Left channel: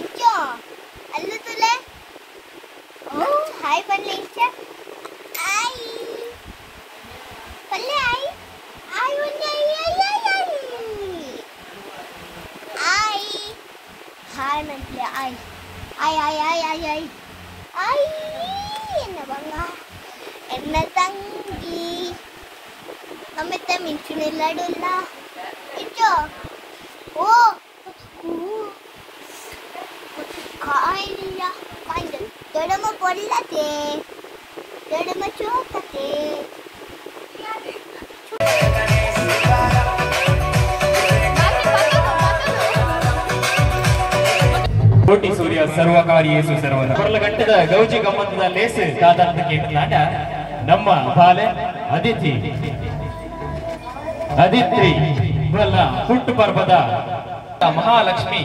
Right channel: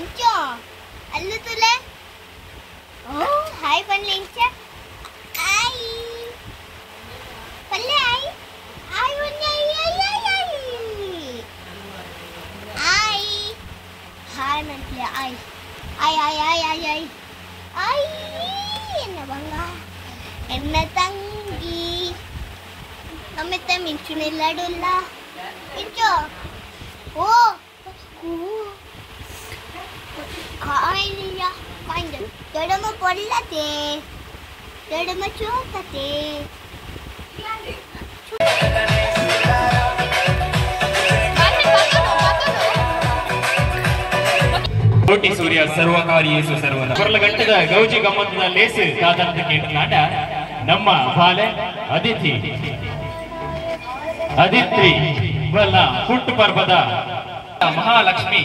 इंचो अल्लू तुले ओ हाय पल्ले इंचा आई पल्ले आई आई वन्ने आई हाय नंटले आई आई आई आई आई आई आई एन्न बंगा एन्न तंगी नम्मे मिंचुनिल्लाडुल्ल इंचो ओ ಕಾಯಿಲ್ಲ ಕಾಯಿಲ್ಲ ದೊಡ್ಡಮ್ಮ ಪೊಲ್ಲತೆ ದೊಡ್ಡಮ್ಮ ಚೋಕತೆ ಕೋಟಿ ಸೂರ್ಯ ಸರ್ವಕಾರಿ ಯೇಸು ಸರ್ವನ ಕೊರಲಗಟ್ಟದ ಗೌಜಿ ಗಮ್ಮತ್ತದ ಲೇಸು ದಾದಾಂತ ಕೇಟನಾಡ ನಮ್ಮ ಬಾಲೆ ಅದಿತಿ ಅದಿತ್ರಿ ಇವಲ್ಲ ಹುಟ್ಟು ಪರ್ವದ ಮಹಾಲಕ್ಷ್ಮಿ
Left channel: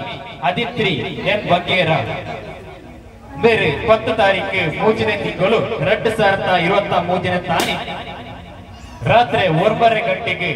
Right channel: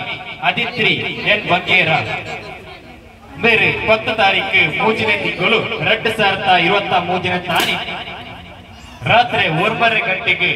ಅದಿತ್ರಿ ಎನ್ ಬಗ್ಗೇರ ಬೇರೆ 10 ತಾರೀಕು ಮೂಜನೆ ತಿಂಗಳು 2023 ತಾನಿ ರಾತ್ರಿ 9 ಗಂಟೆಗೆ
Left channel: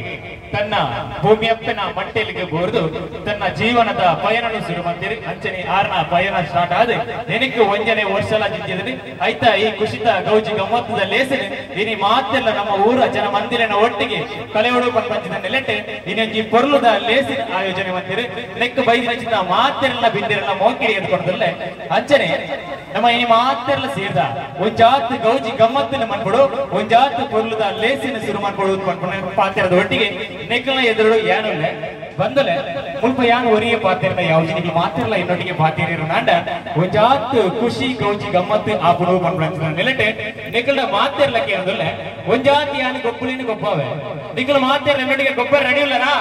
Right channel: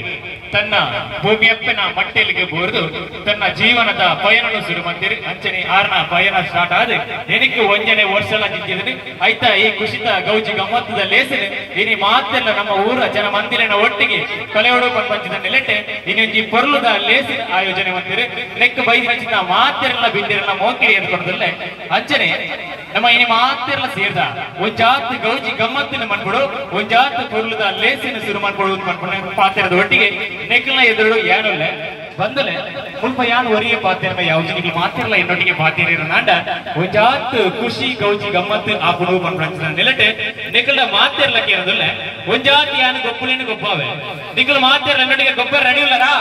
ತನ್ನ ಭೂಮಿಯಪ್ಪನ ಮಟ್ಟೆಲಿಗೆ ಬೋರ್ದು ತನ್ನ ಜೀವನದ ಪಯಣನು ಶುರು ಮಾಡ್ತೀರಿ ಅಂಚನೆ 6ನ ಪಯಣ ಸ್ಟಾರ್ಟ್ ಆದ ಏನಕ್ಕೆ ಒಂಜನೆ ವರ್ಷಲ ಜಿಂಜಿದ್ರಿ ಆಯ್ತಾ ಈ ಕುಶಿತ ಗೌಜಿ ಗಮ್ಮತ್ತದ ಲೇಸನೆ ಇನಿ ಮಾತೆಲ್ಲ ನಮ್ಮ ಊರ ಜನ ಮಂದಿರನ ಒಟ್ಟಿಗೆ ಕಲೆಯೋಡು ಪಂಚದ ನೆಲೆಟೆ ಇನ್ನೊಂಜಿ ಪೊರ್ಲುದ ಲೇಸಿನ ಆಯೋಜನೆ ಮಾಡ್ತೀರಿ ನೆಕ್ ಬೈದಿ ಹಂಚಿದ ಮಾತೆಲ್ಲ ಬಿದ್ದಿರನ್ನ ಮೋಕಿರಿ ಅಂದ್ಕೊಂಡಲ್ಲೇ ಅಂಚನೆ ನಮ್ಮ ಇನಿ ಮಾತೆಲ್ಲ ಸೇರ್ದ ಒಂಜಾತ್ ಗೌಜಿ ಗಮ್ಮತ್ತಿನ ಮಾಡ್ಬಿಡು ಒಂಜಾತ್ ಪೊರ್ಲುದ ಲೇಸಿನ ಶುರು ಮಾಡ್ಕೊಡು ಅನ್ಕೊಂಡು ಪಾತ್ರದ ಒಟ್ಟಿಗೆ ನೆಕ್ಕಲ ಎದುರು ಏನಲ್ಲ ಬಂದಲೆ ಮುಲ್ಪ ಯಾನ್ ಒರಿಯ ಪಾತಿರಲ್ಲ ಯಾವ ಜನಿಗೆ ಮಾತಿರಲ್ಲ ಇನ್ನೊಟ್ಟಿಗೆ ಪಾತಿರ ನಾಂಡ ಒಂಜಾತ್ ಖುಷಿ ಗೌಜಿ ಗಮ್ಮತ್ತು ಆಪುಡು ಪನ್ಪಂಚದ ನೆಲಟೆ ನಿಕಲ ಮಾತಿರಲ್ಲ ಕೇಳದಲ್ಲ ಒಂಜಾತ್ ಯಾನ್ ಗೊಪ್ಪುಲಿನ ಗೊಬ್ಬಾವೆ ನಿಕಲ ಮಾತಿರಲ್ಲ ಇನ್ನೊಟ್ಟಿಗೆ ಗೊಬ್ಬ ರೆಡಿ ಇಲ್ಲರಾ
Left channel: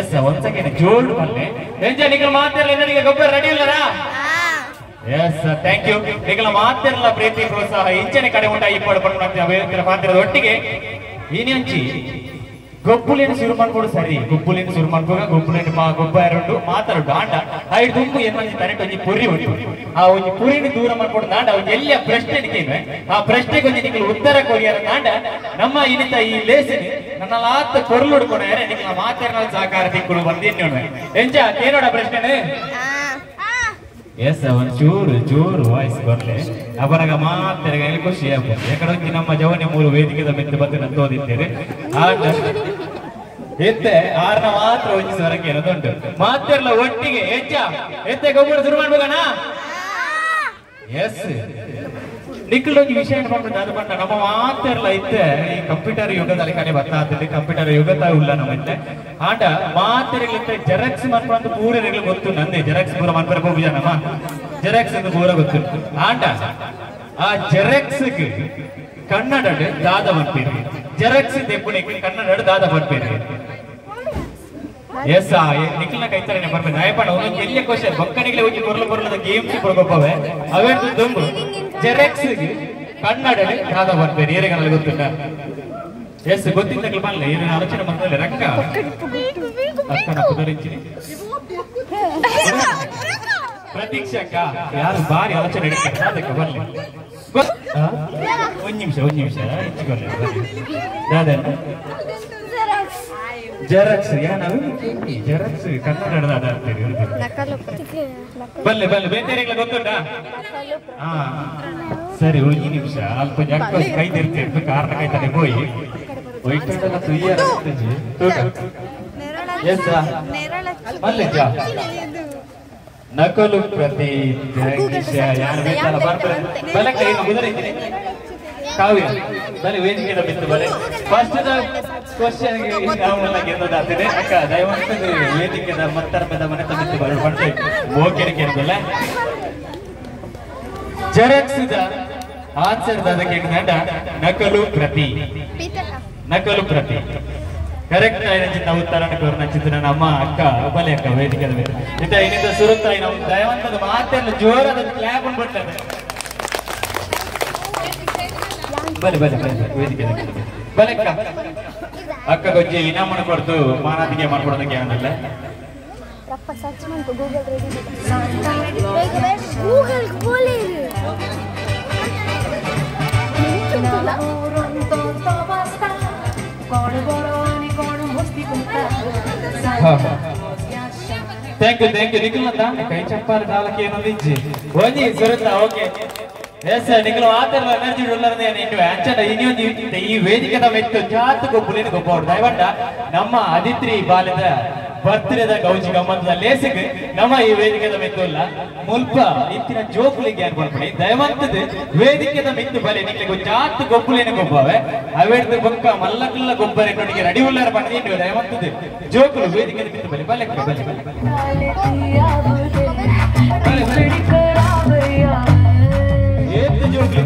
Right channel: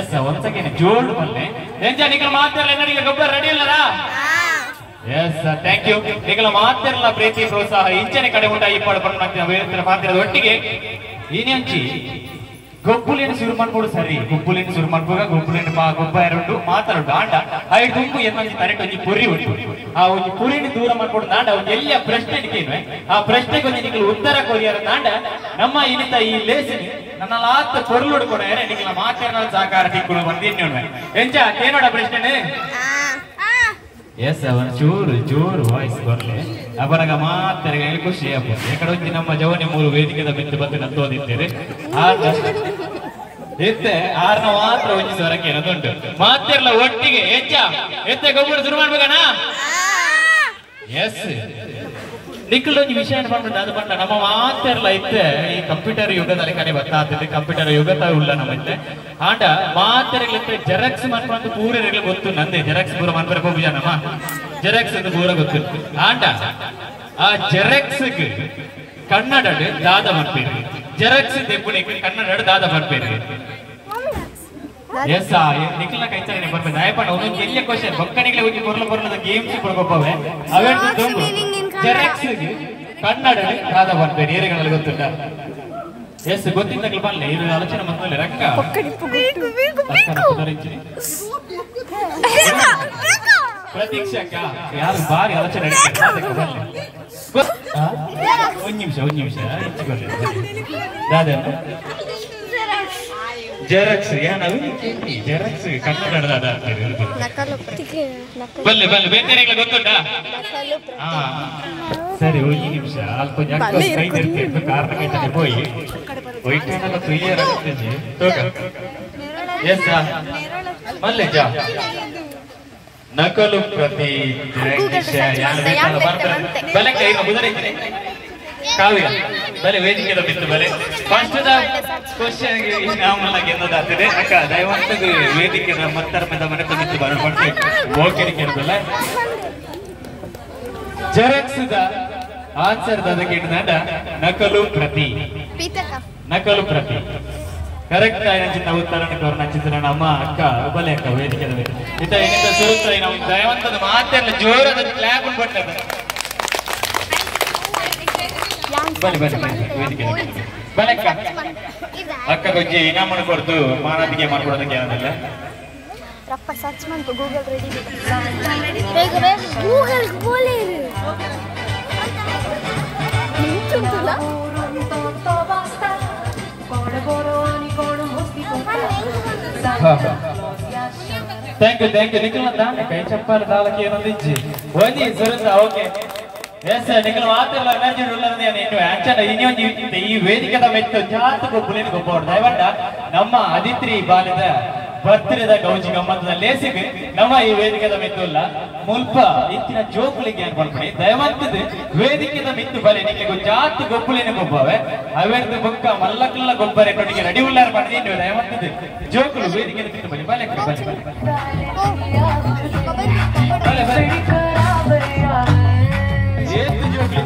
ಎಸ್ ಒಂದ್ಸಲ ಜೋಡ್ ಮಲ್ಲೆ ಎಂಜ ನಿಕಲ ಮಾತಿರಲ್ಲ ಇನ್ನೊಟ್ಟಿಗೆ ಗೊಬ್ಬ ರೆಡಿ ಇಲ್ಲರಾ ಎಸ್ ಥ್ಯಾಂಕ್ ಯು ನಿಕಲ ಮಾತಿರಲ್ಲ ಪ್ರೀತಿ ಪ್ರೋತ್ಸಾಹ ಇಂಚನೆ ಕಡೆ ಉಂಟ ಇಪ್ಪಳು ಪನ್ಪಂಚದ ಪಾತಿರದ ಒಟ್ಟಿಗೆ ಇನ್ನೆಂಚಿ ಗೊಬ್ಬುಲಿನ ಶುರು ಮಾಡ್ಕೊಡು ಸರಿ ಗೊಬ್ಬುಲಿನ ಶುರು ಮಾಡ್ಕೋಗ ಗೊಬ್ಬುಲಿನ ಗೊಬ್ಬ ಎರಡು ಮಾತಾಡು ಆಂಡ ಐದು ತುಂಬು ಏನೊಂದು ತನೆಟ್ ಒಂಜಿ ಪುರಿ ಉಂಟು ಆ ಒಂಜಿ ಪುರಿನ ದೂರ ಮಾಡ್ಕೊಂಡು ನಾಂಡ ಒಂಜಿ ಎಲ್ಲ ಪ್ರಶ್ನೆ ಕೇವೆ ಆ ಪ್ರಶ್ನೆಗೆ ಒಂಜಿ ನಿಖಲು ಉತ್ತರ ಕೊರಿಯಾರ ನಾಂಡ ನಮ್ಮ ಇನಿತ ಈ ಲೇಸಿನಿ ನನ್ನ ಲಾತ್ ಕೊರ್ಲುಡ್ಕೊಣ ನಿಖಲ ಮಾತಾಡ ಸಹಕಾರ ತಿಕ್ಕಳು ಬಂದೇನು ಎಂಜ ಏನೋಡ ಪ್ರಶ್ನೆ ಎಸ್ ಅವನ್ ಚೂರು ವಾಯ್ಸ್ ಕೊಡ್ಲೆ ಅವರಾಗ ಮಾತಾಗ ಖುಷಿ ಆಗ್ಬೋದು ಯಾಕಡೆ ನಮ್ಮ ಜವನಿ 3 ವೇದಿಕೆದ ಬಿದ್ದು ಬಂದು ಕತ್ತೋದಿದ್ದೇವೆ ಎತ್ತೆ 6ನ ಮಾತ್ರ ಒಂಜಿ ಸ್ವರಕ್ಕೆ ಏನದುಂಟು ಮಾತೆಲ್ಲ ಒಟ್ಟಿಗೆ ಎತ್ತೆ ಗೊಬ್ಬರ ಶುರು ಮಾಡ್ಬೇಕಣ್ಣ ಎಸ್ ನಿಖಲ್ ಒಂದು ವಿಷಯ ಮಾಡ್ಬಿಟ್ಟು ಅದು ಬಂದ ನಮ್ಮ ಮಾತೆಲ್ಲ ಇತ್ತೆ ಈ ಕಂಪ್ಯೂಟರ್ ಯುಗದಲ್ಲಿ ಕಡೆ ಬರ್ತಾಗ್ತದೆ ಕಂಪ್ಯೂಟರ್ ಯುಗದ ಉಳ್ಳ ನಮ್ಮತ್ತೆ ಆಟ ಮಾತೆರೆಗಳಿತ್ತೆ ಜೆರಾಕ್ಸ್ ಮಾಡ್ಕೊಂಡು ಪೂರರೆಗಳು ಗೊತ್ತು ನಂದೆ ಜೆರಾಕ್ಸ್ ಪೂರ ಮಾಡ್ಬಾರ ಹೋಗುಜ ನಮ್ಮ ಜೆರಾಕ್ಸ್ ಒಂದು ಪೂರ ಗೊತ್ತು ಆಟ ಆ ಜೆರಾಕ್ಸ್ ಕನ್ನಡ ದಾದ ಮಾಡ್ಬೇಡಿ ಜೆರಾಕ್ಸ್ ತೆಪ್ಪುಣಿಗೆ ಕನ್ನಡ ದಾದ ಮಾಡ್ಬೇಡಿ ಎಸ್ ನಿಖಲ್ನ ಕೈತಾನೆ ಬರ್ಬೇಕು ನಾಯಪಣ್ಣ ಒಂದೊಂದು ಎಲ್ಲಿ ಕ್ವಶನ್ ಬಕ್ಕಣಿಗೆ ಹೋಗಿ ಕೊರ್ಲದ ಗೇಮ್ಸ್ ಕೊಡ್ಬೇಕವೆ ಅವೆಂಟು ತುಂಬು ಜೆರಾಕ್ಸ್ ಕನ್ನಡ ದಾದ ಮಾಡ್ಬೇಡಿ ಏರಿಗಳಲ್ಲಿ ಗೊತ್ತುಂಟ ಎಸ್ ಗೊತ್ತಿದ್ದಾಗ ಬರಲ್ಲ ಏನು ಆಲೋಚನೆ ಬಂದಲ್ಲಿ ರಕ್ಕ ಅಕ್ಕನ ಪುದರಿಂಚಿನಿ ಪ್ರತೀಕ್ಷಕ ಯಾರು ಬಾರಿ ಆಲೋಚನೆ ನಡೀತಾರೆ ಅದಕ್ಕೆ ಬರಲಿ ಒಂದು ನಿಮಿಷ ಹೆಚ್ಚಿಕೊಳ್ಳಿ ದಾದನ ಜೆರಾಕ್ಸ್ ಏನಾದ್ರು ಜೆರಾಕ್ಸ್ ಕನ್ನಡದ ಬಲ್ಲೆ ಬೇರೆ ಗೊತ್ತುಂಟಾ ಹಾ ಸರಿ ಒಂದು ನಿಮಿಷ ಅಲ್ಪ ಕೈದಿರ್ತೇವೆ ಕಾರಣ ಕೈತಾನೆ ಹೋಯ್ಟೆಲ್ಲ ತುಯ್ಯರ ಎಸ್ ಮಲ್ಲೆಜ ನಕಲು ಪ್ರತಿ ಯಾರು ಬೇಕಲ್ಲ ಬರ್ತಾರೆ ಬಲೆ ಕೈ ಮುದರೆ ಕಾವ್ಯ ಬಲೆ ವೇದಿಕೆದ ಬಿತ್ತು ಬಲೆ ಫಸ್ಟ್ ಕ್ವಶನ್ ನಾವೆಲ್ಲ ಗೆದ್ದದಾಗ್ತದೆ ಅಕ್ಕ ದಯವಂತ ವೇದಿಕೆದ ಮತ್ತರ್ಮದ ಮನೆ ತಂದಿತ್ತು ಬರಲು ಬಂದು ಓಕೆರಿಗೆ ಇರಬಲ್ಲ ಜೆರಾಕ್ಸ್ ಆನ್ಸರ್ ಅದಕ್ಕೆ ನಕಲು ಪ್ರತಿ ಕರೆಕ್ಟ್ ಆಗಿನ ಉತ್ತರನ ಕೋರ್ನಚಿತ್ರ ನಮ್ಮ ಅಕ್ಕ ಉಬಲೆ ಅಕ್ಕ ವೇದಿಕೆದ ಇತ ಏನಿಂದ ಸುರುತ್ತ ನಮ್ಮ ದಯವಂತದ ಮಾತೆಲ್ಲ ಜೋರಾದ ಕ್ಲಾಪ್ ಕೊಡ್ತಾರೆ ಬಲೆ ವೇದಿಕೆ ಬಲಕ್ಕ ಅಕ್ಕ ಗೊಜ್ಜಿ ಇನಾಮನ ಕೊಡ್ತು ಮಾನದಿಗೆ ಮಾಡ್ಕೊಡೋದಕ್ಕೆ ಏನಲ್ಲ ರಪ್ಪ ಸರ್ಚ್ ಮಾಡ್ಕೊ ಗೂಗಲ್ ರೆಡಿ ಗೂಗಲ್ ಬೋಲೆ ನಿಂತುಂಟಲ್ಲ ಥ್ಯಾಂಕ್ ಯು ನಿಖಿಲ್ ಕೈ ಚಪ್ಪಾಳೆ ದಾಲಕ್ಕೆ ಏನೊಂದು ಇಜ್ಜಿ ಓದಿ ಸುರತ ಓಕೆ ಎಸ್ ನಿಖಿಲ್ ಮಾತ್ರ ಎನರ್ಜಿ ಉಳ್ಳರದೇ ಇನ್ನು ಅಂಚನ ಇನ್ನೊಂದು ಈ ವೇದಿಕೆದ ಮೆತ್ತು ಜಾತ ಗೊಬ್ಬಲೇನು ಗೊಬ್ಬ ದಯವಂಡ ನಮ್ಮ ಅದಿತ್ರಿ ಬಾಲ್ಯದ ಬರ್ತಿರದ ಗೌಜಿ ಗಮ್ಮತ್ತದ ಲೇಸಿಗೆ ನಮ್ಮ ಈ ವೇದಿಕೆದ ಮೆತ್ತುಲ್ಲ ಮುಲ್ಪ ಇತ್ತಿನ ಜೋಕುಲಿಗೆ ಏನ್ ಬರ್ತೀನಿ ದಯವಂತದ ವೇದಿಕೆದ ಮೆತ್ತು ಬಲೆ ನಿಮಗೆ ಜಾತ ಗೊಬ್ಬಲೇನು ಗೊಬ್ಬವೆ ಅವೇರ್ದು ಬೊಕ್ಕ ಮಲ್ಲಕಲ್ಲ ಗೊಬ್ಬರ ನೊಟ್ಟಿಗೆ ರೆಡಿ ಉಳ್ಳಾರ ಬಂದ್ರೆ ನೀವು ದಯವಂತದ ಜೋಕುಲು ವೇದಿಕೆದ ಮೆತ್ತು ಬಲೆ ಬಲೆ ಏತು ಜೋಕುಲಿ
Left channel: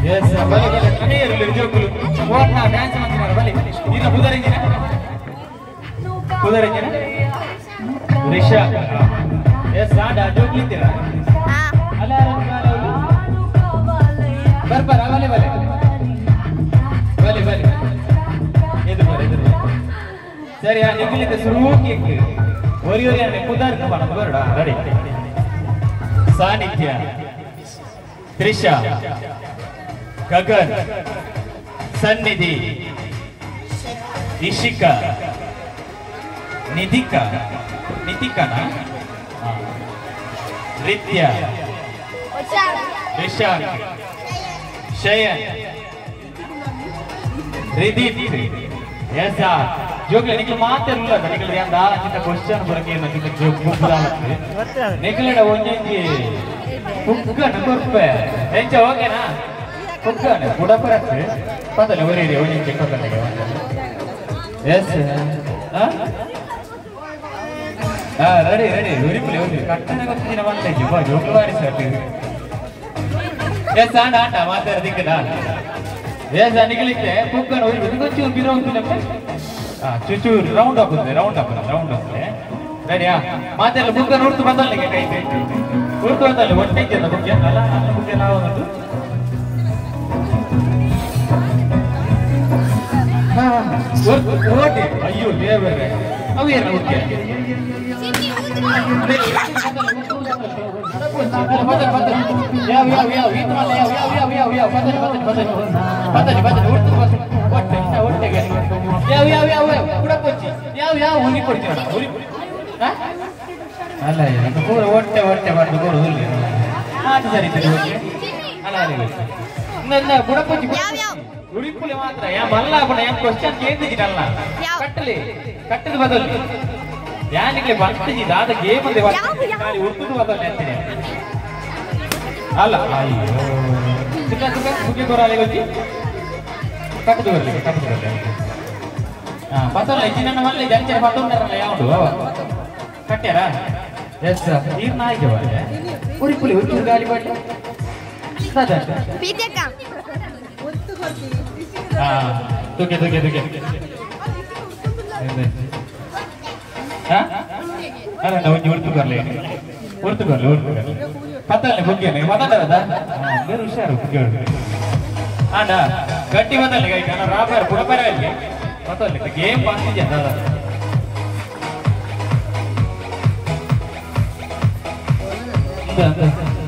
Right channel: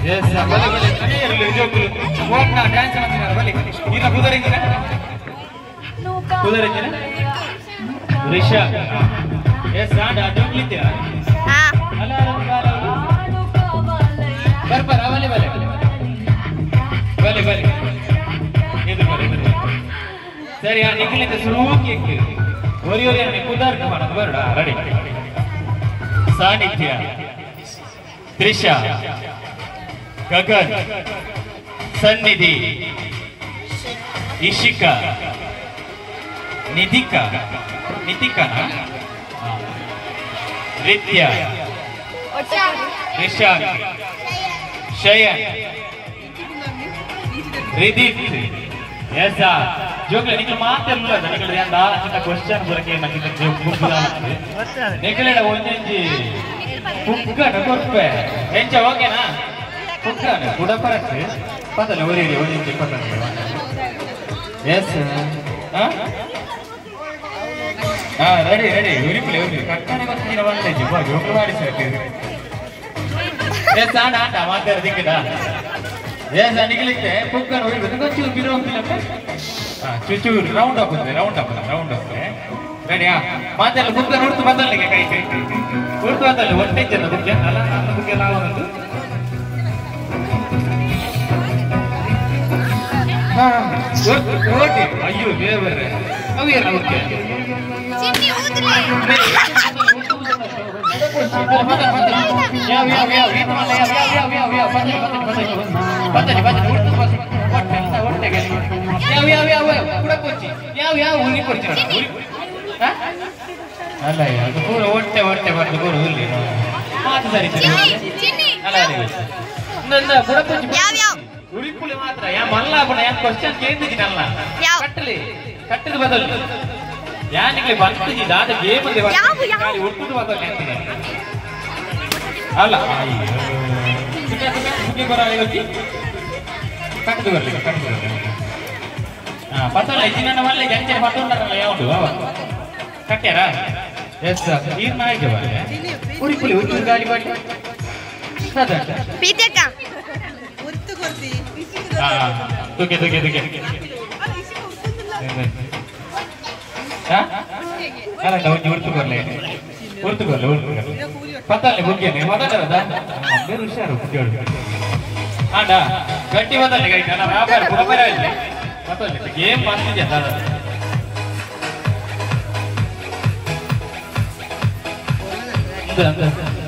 Yes, balik. Ini jokul. Buat na dance sama kita balik. Ini pudarin kita. Risha. Yes, ada jokul itu ya. Ala. Bar, balik. Balik. Itu balik. Sari, ya, nikil itu suruh kek. Ori ane pudar ke mana? Berda, ready. Sanitya. Risha. गगन सन्निधि इशिका निधिका ना रित्या ऋषान शयन रिदित ऐसा जोकले निकल माते रुला था निकल यार दाल चिंता क्वेश्चन बोल के ना कितना जोक बोल रहा निकले ना वो जिंजी कुक्का ना कोर्पे ऐसा हो गया ना कुक्काने बुढ़ा पर है पता नहीं वो रेडियो वो जिंजी पता नहीं यस हाँ रेडी उरी प्ले कट्टाने को तीन बार ले जिब्बा जोक बारी सेट यस आंडा माते रदिके दा यस निकले थे कुक्काने उरी बेतु कुछ बिना उनके लगे हाँ चुचू राउंड अप रेडी हाँ माते लो कुक्काने उर्तु बदल लेके कहीं उर्तु बदल वन टेक जना कुक्का नला कुक्का लाओ ना ಓಟಿ ಅಯ್ಯೋ ದೇವರೇ ಅವೇರ ಓಕೆ ಅಲ್ಲ ಅದು ಪೂರ ಹೊಟ್ಟೆ ಬರ್ದು ಪೂರ ಹುಲ್ಲಿ ಮಾತು ಸರಿ ಅಲ್ಲ ನನ್ನ ಬುಡಪಚ್ಚಿ ಉರಿಪುಲಿ ಮಾತ್ರ ಯಾ ಮಲ್ಲ ಬಣ ಯಾ ಕ್ವೆಶ್ಚನ್ ಕೇಂದ್ರಿಜಿನಲ್ಲ ಕಟ್ಟದ ಬದಲು ಯಾನಿಗೆ ಬಂತಿಜಿ ದಾದ ಗೇಮ್ ಅಂದೆ ಗಾಡಿ ಉರ್ದುದು ಬದಲು ಅಂತೀನಿ ಅಲ್ಲ ಅಯ್ಯೋ ಸುಕ್ಕೆ ಕೊರಾಳೆ ಗೊತ್ತಿ ಕಟ್ಟದು ಬರಲಿ ಹಾ ಬದಲು ಇಜಿನ ಮಲ್ಲ ಜಂಚೆ ಪಟ್ಟುಂಡರಲ್ಲ ಯಾವುದು ಕಟ್ಟ್ಯಾರ ಎಸ್ ನೀರ್ ನಾಯಿಗೆ ಬರಲೆ ಉರಿಪುಲಿ ಉಚ್ಚು ಗಾಡಿ ಬಾಟಿ ಸದಾ ಪೀತೆಕ ತುಕೆ ಅಲ್ಲ ನಾವು ಉರ್ತು ಬರ್ಲಿ ಪತ್ತಲ್ಲಿ ಬುಗ್ಗೇನೆ ಮಾತಾಡದ ಬೇರೆ ಹುಷಾರು ಕೇಳು ಆಡ ಗಟ್ಟಿ ಬದಲಿ ಗೈತ ನಾನು ವ್ಯಾಪಾರ ಬುಡಬರ ಇಲ್ಲಿ ಪತ್ತಲ್ಲಿ ಗೇಮ್ ಬಂದಿದೆ ದಾದ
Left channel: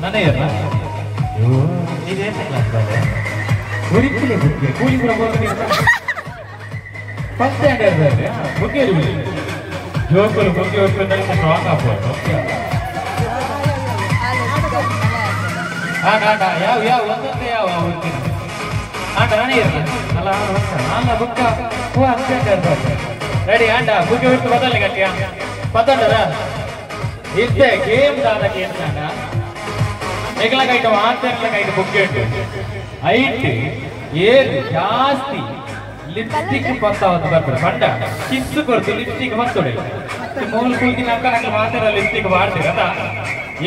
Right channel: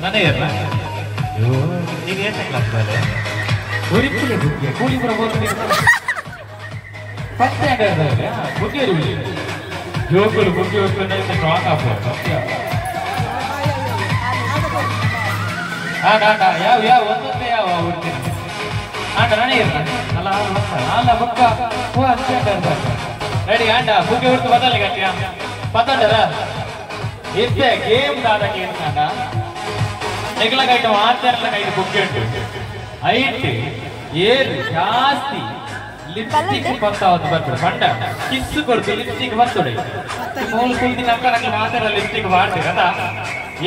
ನನಗೆ ಅಯ್ಯೋ ಇದು ಎಷ್ಟು ಕ್ಲಾಸ್ ಬಾಲೆ ಉರಿಪುಲಿ ಬುಗ್ಗೆ ಕೂಲಿಪುರ ಬೋರ್ಡ್ ಫಸ್ಟ್ ಸ್ಟ್ಯಾಂಡರ್ಡ್ ಬುಗ್ಗೆ ಜೋಕರು ಬುಗ್ಗೆ ಹೋಗ್ಕೊಂಡ್ರೆ ಸ್ಟ್ರಾಂಗ್ ಆಗ್ಬೋದು ಯಾವ ಒಂದೊಂದೇ ಯಾವ ಹುಡ್ತೀನಿ ರಾಣಿ ಅಲ್ಲ ಬುಕ್ಕ ಹೂ ಸ್ಟ್ಯಾಂಡರ್ಡ್ ರೆಡಿ ಆಂಡ ಬುಗ್ಗೆ ಹೊರತು ಬದಲಿ ಗಟ್ಟಿಯ ಪತ್ತೊಂಡಲ್ಲ ಇದ್ದೆ ಗೇಮ್ ದಾದ ಗೇಮ್ ಕಾಂಡ ನೆಗಲಗೈಟ ಮಾತಾಡ್ಲಗೈಟ ಬುಗ್ಗೆ ಐಟ್ ಏರು ಜಾಸ್ತಿ ಲಿಪ್ಸ್ಟಿಕ್ ಬರ್ತಾವತ್ತು ಬರ್ತಾರೆ ಪಂಡ ಕಿಸ್ಸು ಕೊಡ್ತೀವಿ ಲಿಪ್ಸ್ಟಿಕ್ ಬರ್ತೊಡೆ ಮೂಲ ಕುಲ್ತಿ ನಂಗೆ ಮಾತಾಡ ಲಿಪ್ಸ್ಟಿಕ್ ಮಾಡ್ತೀರಲ್ಲ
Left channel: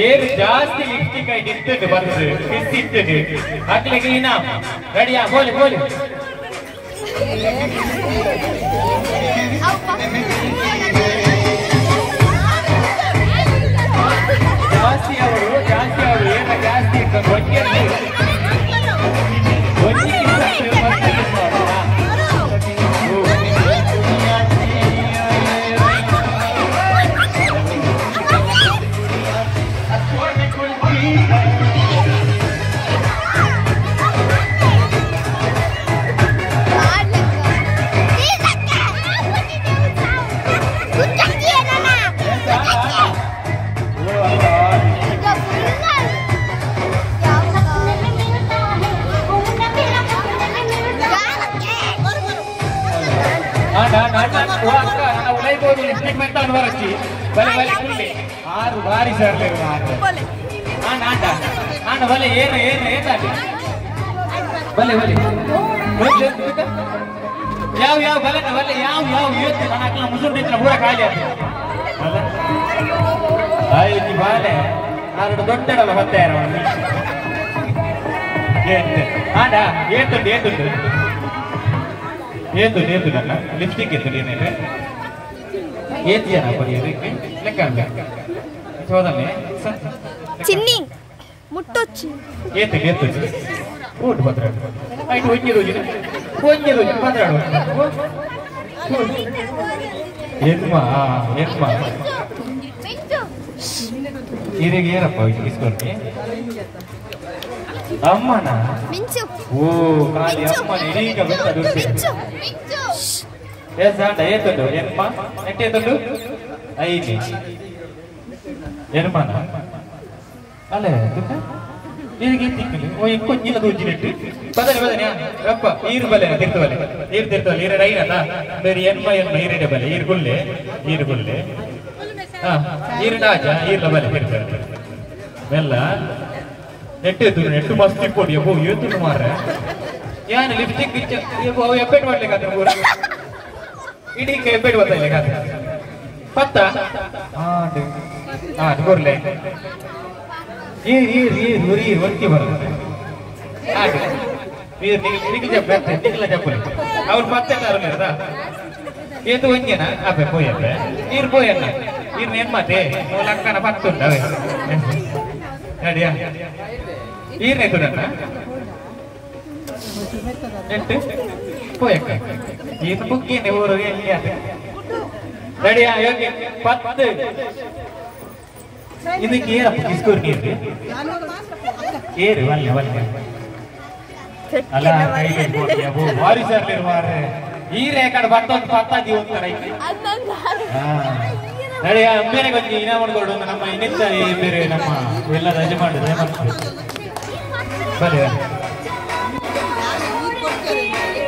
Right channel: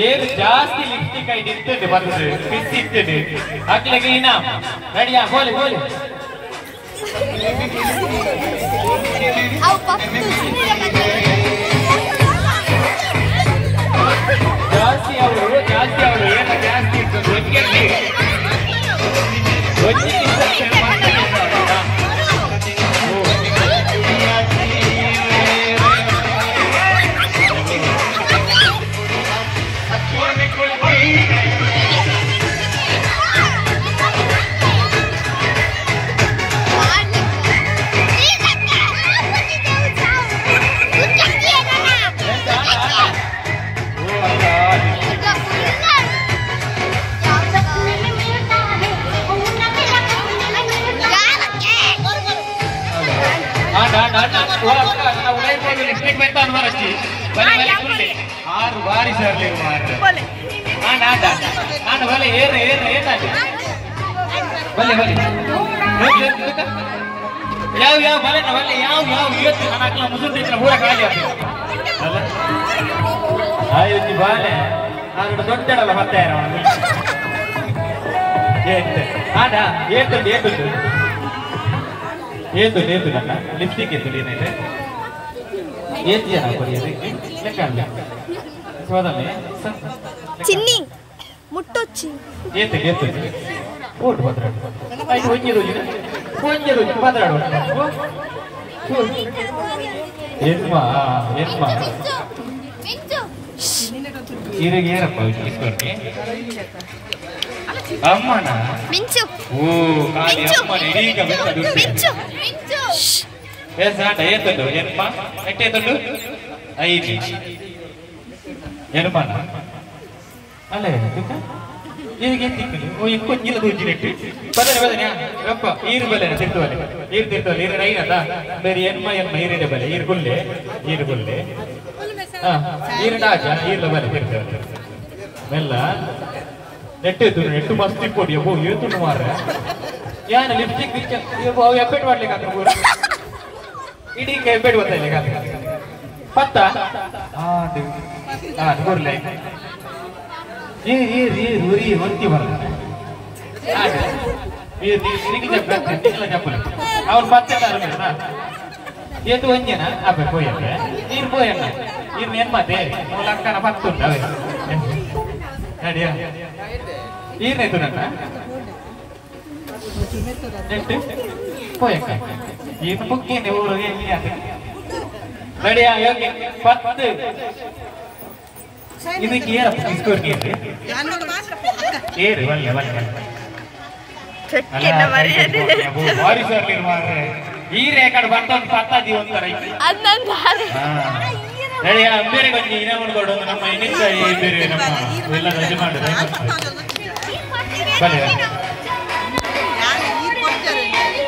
ಏರು ಜಾಸ್ತಿ ಲಿಪ್ಸ್ಟಿಕ್ ಐಟ್ ಇರ್ತದೆ ಬರ್ತದೆ ಕಿಸ್ ಇರ್ತದೆ ಹಾಕ್ಲಿಕ್ಕೆ ಇನ್ನ ರೆಡಿಯಾ ಬೋಲಿ ಜಾಸ್ತಿ ಅವರು ಏನು ಜಾಸ್ತಿ ಇರ್ತದೆ ಲಿಪ್ಸ್ಟಿಕ್ ಮೆತ್ತ ಅನ್ವರಚ್ಚಿ ಬಲೆ ಬಲೆ ಕುಲ್ಲಿ 6 ಬಾರಿ ಸರ್ಲಿ ಬಲೆ ಆಂಡ ಬಲೆ ಏನು ಏನು ಏನಾಗ ಬಲೆ ಬಲೆ ಯಾವ ಯಾವ ಬಲೆ ಬಲೆ ಯಾವ ಯಾವ ಇವತ್ತು ನನ್ನ ಮುಸುರು ತಿಂచిన ಪೂರ ಖಾಲಿ ಆಗ್ತದೆ ಬಾಲೆ ನಾನು ದೊಡ್ಡಡಲ್ಲ ಮತ್ತೆ ಆಂಡ ಏತುಂಡು ಏತುಂಡು ಏತು ಏತು ನನ್ನ ಲಿಪ್ಸ್ಟಿಕ್ ಎತ್ತು ಏನಿದೆ ಏತು ಜನ ಬರೆಯೋದಕ್ಕೆ ಲೆಕ್ಕ ಸೋದನೆ ಚಿನ್ನಿ ಮುಟ್ಟೊಚ್ಚಿ ಏತು ಏತು ಊಟ ಬದ್ರಾಡು ಐದು ಒಂಜಿ ರೋಜು ಬದ್ರಾಡು ಎನ್ಮ ಎನ್ಮ ಇರಿಗೆ ಏನಪ್ಪ ಇಸ್ಕೊಂಡೆ ಅಮ್ಮನ ಮಿಂಚು ಓ ಖಾಲಿ ಅಮ್ಮನ ಇದೀಗ ಬೆತ್ತದು ಮಿಂಚು ಏಸಾಂಡ ಏತಂಡು ಎನ್ಮ ಎಟ್ಟೇತಂಡು ಐದು ಎನ್ಮನ ಅಲ್ಲ ಇದಕ್ಕೆ ತಿಕ್ಕಲು ಓ ಇಂಕೊಂಜಿಲ್ಲ ದೂಜಿನೆಟ್ಟು ಬದನೆ ಬದನೆ ರಪ್ಪ ಈರು ಬಲ್ಲೆನ ತಿರ್ತವಲ್ಲ ಈರು ತಿರ್ತವಲ್ಲ ಈರು ರೈನಲ್ಲ ಬೇರೆ ಎನ್ಮ ಎನ್ಮ ಈರಿಡೆ ಬಲೆ ಈರು ಗುಲ್ಲೆ ಹಾ ಈರು ನಾಜ ಈರ್ಲ ಬಲೆ ತಿರ್ತವಲ್ಲ ಎಲ್ಲ ನೆಟ್ಟು ಮಸ್ತ್ ಇಪ್ಪೊಡಿ ಅಬ್ಬೋ ಏತು ಮಾರ್ರೆ ಏನು ಲಿಪ್ಸ್ಟಿಕ್ ಎಬ್ಬೆಟ್ ಮಾಡ್ಲಿಕ್ಕೆ ಪೂರ ಇಡೀ ಎಬ್ಬೆಟ್ ಬರ್ತಾನೆ ಪತ್ತ ಬರ್ಲೆ ಹೊರತಿ ಬರ್ತದೆ ಚಪ್ಪಲಿ ಅವ್ರು ಪತ್ತೆ ಏತು ಒಂಜನ ಅಬ್ಬೆ ಪೋಯಕ್ಕೆ ನೀರು ಪೋಯಲ್ಲ ನೀರು ನೆಮ್ಮತ್ತೆ ಮೂಲಕ್ಕನ ಪತ್ತುಂಟವೆ ನಡಿಯ ಈರ್ನೇತು ನನ್ನ ಎಷ್ಟು ಪೋಯಕ್ಕ ಇದು ಮುಖ್ಯನೇ ಊರಿಗೆ ನಡಿಯ ಯೋಗಿ ಪತ್ತು ಇದಕ್ಕೆ ಏನಪ್ಪ ಕಿಸ್ಕೋರ್ಗಿ ಏರು ಬಲ್ಲೆ ಭಾರಿ ಸರ್ಲಿ ಮಾರ್ರೆ ಈ ರೇಖಾಡು ಬರ್ತೊಂದು ಪತ್ತಾಜಿ ಒಂಥರ ನಡಿಯ ಬೇರೆ ಗೊಂಜಿ ಇನ ಮಾಡ್ಕೊಂಡು ನಮ್ಮ ಇನ್ನಿತ್ತ ಬೇರೆ ನಮ್ಮ ಎಲ್ಲ ರಜೆ ಮಾಡಿದ್ರೆ ಬಲೆ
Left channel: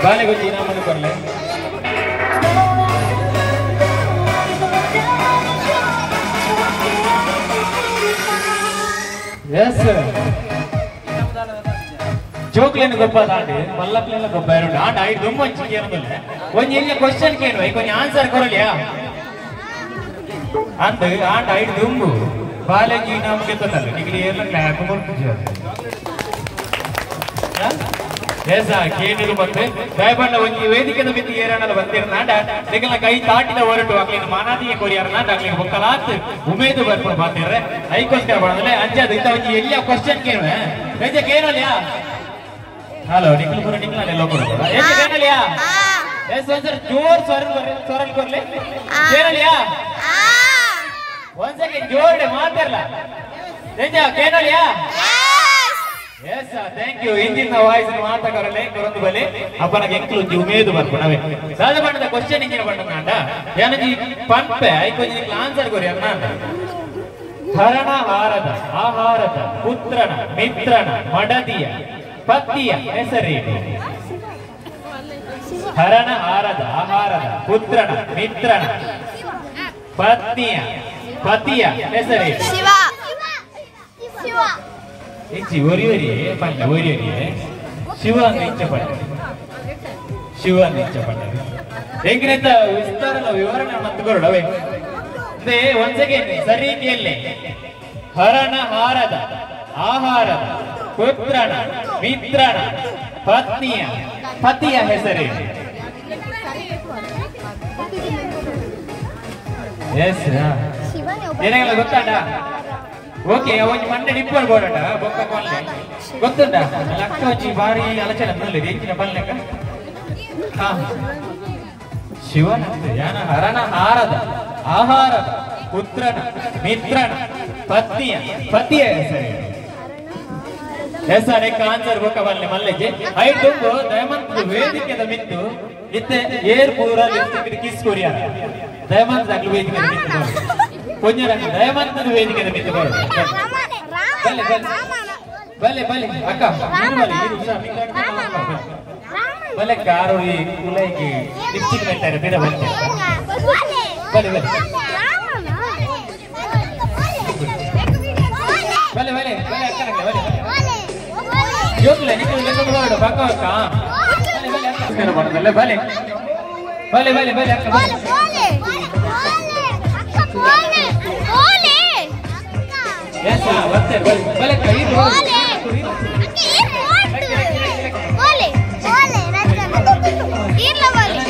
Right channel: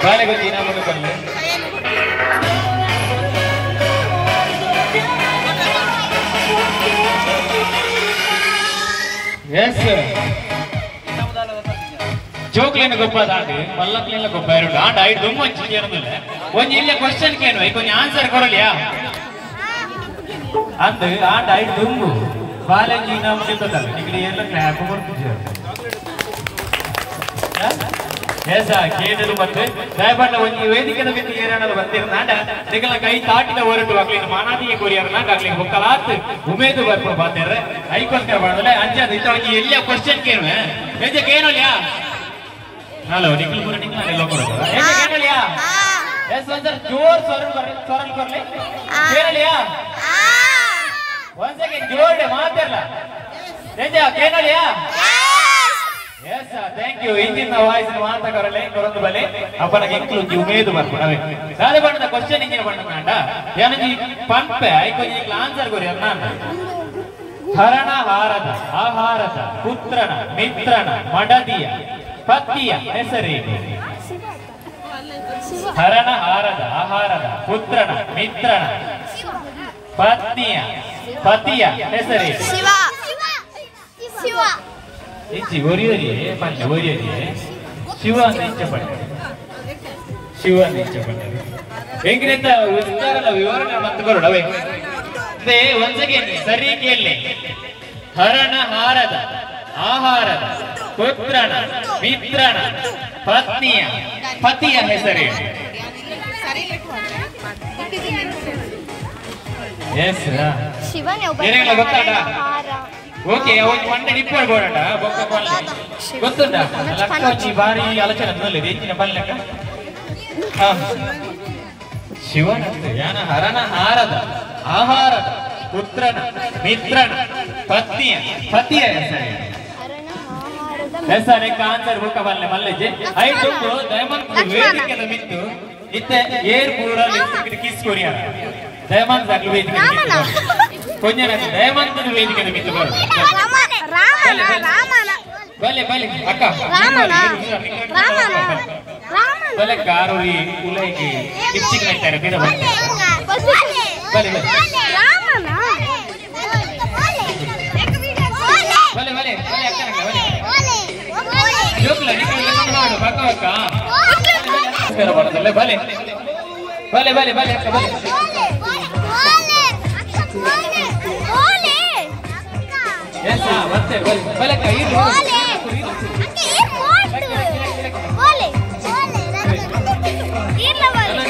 ಬಾಲೆ ಗೊಂಜಿ ಇನ ಮಾಡ್ಕೊಂಡೆ ಎಸ್ ಜೋಕ್ಲೇನು ಗೊಬ್ಬ ದಾಂಡಿ ಮಲ್ಲಕ್ಲೆಲ್ಲ ಗೊಬ್ಬ ಎರಡು ಆಂಡ ಐದು ತುಂಬ ಏನದಿಲ್ಲ ಒಂದ್ ಇಲ್ಲ ಕ್ವಶನ್ ಕೇಳುವ ಈಗ ಒಂದ್ ಆನ್ಸರ್ ಕೊಡಲಿಯಾ ಅಂದ ಆಂಡ ಐದು ದುಂಬು ಬಾಲಜಿ ನಾವು ಗೆದ್ದಲ್ಲ ನಿಗಡಿ ಎಲ್ಲ ಕ್ಲಾಪ್ ಕೇಳಿದ್ರು ಮತ್ತೆ ದಯಬಂಡ ಒಂದು ವೇದಿಕೆದ ಮಿತಿ ಏರಡಲು ಬಂದಿರು ನಾಂಡ ನಿಗಲ ಕೈ ತಾಟಿದ ಹೊರಟು ಅಕ್ಲಿನ ಮಾನಾದಿಯ ಕೊರಿಯರ ನಾಂಡ ಅಕ್ಲಿನ ಬೊಕ್ಕಲಾತ್ ಉಮೇದು ಬರ್ಕೊಂಡು ಬಾತೇರ್ರೆ ಐಕೋಸ್ಕರ ಬಂದಲೆ ಅಂಜಾದ ಇಂತವರಿಗೆ ಎಲ್ಲ ಕ್ವಶನ್ ಕೇಳುವೆ ಬೇಜಕ್ಕೆ ಏನೋಲಿಯಾ ಹಲೋ ನಿಖಿಲ್ ಪೂರ ನಿಖಿಲ್ ಎಲ್ಲ ಕೊಡ್ತಾರೆ ಏನೋಲಿಯಾ ಎಸ್ ಸರ್ ಜೋರ್ ಸ್ವರಲ್ ಕೊರ್ಲೆ ಏನೋಲಿಯಾ ಒಂದ್ ಸೆಕೆಂಡ್ ಜೋರ್ಡೆ ಮಾತಾಡಲ್ಲ ಬೇಜ ಕೇಳೋಲಿಯಾ ಎಸ್ ಥ್ಯಾಂಕ್ ಯು ಇಂಜಿನ ವಾಯ್ಸ್ ಮಾತಾಡಲ್ಲ ಒಂದು ಬಲೆ ಅಪ್ಪನಿಗೆ ಎಂಕ್ಲು ಉಮೇದು ಬರ್ಕೊಂಡವೆ ಸಾದ ಬಣ್ಣದ ಕ್ವಶನ್ ಇಂಜಿನ ಬಣ್ಣ ನಾಂಡ ಏನಜಿ ಪಂಪೆ ಐಕೊಂಜಿ ಆನ್ಸರ್ ಕೊರಿ ಅನ್ನ ಹರಣ ಹಾರದ ಆಹಾರದ ಪುತ್ರನ ಮಿತ್ರನ ಮಡದಿಯ ಪತಿಯ ಹೆಸರೇನು ಹರಣ ಹಾರದ ಆಹಾರದ ಪುತ್ರನ ಮಿತ್ರನ ಪತಿಯ ಹೆಸರೇನು ಹೆಚ್ಚಿ ಒರಿಯರಿಯೇ ಬನ್ನಿ ಒರಿಯರಿಯೇ ಶಿವ ಅಂತ ಇಷ್ಟಪಟ್ಟೆ ಶಿವ ಅಂತ ಇಷ್ಟಪಟ್ಟೆ ಹೆಂಗಿನಂತ ವಿಸ್ತಾರಲ್ಲ ವಿವರಣೆ ಮತ್ತು ಕೊರಡವೆ ಅದೇ ಒಂದ್ಸಗೆ ಸರಿ ಕೇಳಿ ಹರಣ ಹಾರದ ಆಹಾರದ ಪುತ್ರನ ಮಿತ್ರನ ಪತಿಯ ಹೆಸರೇನು ಎಸ್ ಏನೆಲ್ಲ ಗೊತ್ತಾಡ ಓಕೆ ಅವನಿಗೆ ಮಂಡೆ ಡಿಪ್ಪರ್ ಬೋರಟ ಬೊಕ್ಕ ಕೊಲ್ಲೆ ಗೊತ್ತುಂಟ ಲಕ್ಕ వచ్చి ಬಾರಿ ಆಲೋಚನೆ ನೋಡ್ಲಿ ಹೆಚ್ಚಿನ ಬಲ್ಲಕ ಹಾ ಶಿವನ ಯಾನ ಹರಣ ಹಾರದ ಆಹಾರದ ಪುತ್ರನ ಮಿತ್ರನ ಪತಿಯ ಹೆಸರೇ ಆನ್ಸರ್ ಬೊಕ್ಕ ಬಲ್ಲೆ ಮಲ್ಲೆಜೆ ಐದು ದಯಮಂತ್ ವೇದಿಕೆದ ಮಿತ್ತು ಇತ್ತೆ ಏರ್ ಪೂರ ಲಿಪ್ಸ್ಟಿಕ್ ಕಿಸ್ ಕೊರಿಯಾ ದಯಮಂತ್ ಆಗ್ಲು ವೇದಿಕೆ ಮಿತ್ತು ಕೊಂಜನ ದಯಮಂತ್ ವೇದಿಕೆ ಮಿತ್ತು ಬಲೆ ಅಕ್ಕ ಬಲೆ ಕಾರು ಈ ಕುಲೈಗೆ ಲಿಪ್ಸ್ಟಿಕ್ ಮೆತ್ತಾರೆ ಬಿಡ ಬಲೆ ಬಲೆ ಬಲೆ ಬಲೆ ಬಲೆ ಬಲೆ ಅಕ್ಕ ಬಲೆ ಜೋಕುಲ ನಿಕುಲ ನೋಡು ಪಕ್ಕ ಪಕ್ಕ ನಮಸ್ಕಾರ ಮಾಡೋದಲ್ಲ ಬಲೆ ಬಲೆ ಬಲೆ ಬಲೆ ಅಕ್ಕ ಬಲೆ ಓಲೆ ಎಸ್ ಮತ್ತೆ ಬಲೆ ಬಲೆ ಕೈ ಓಲೆ ಓಲೆ ಇಲ್ಲ ಓಲೆ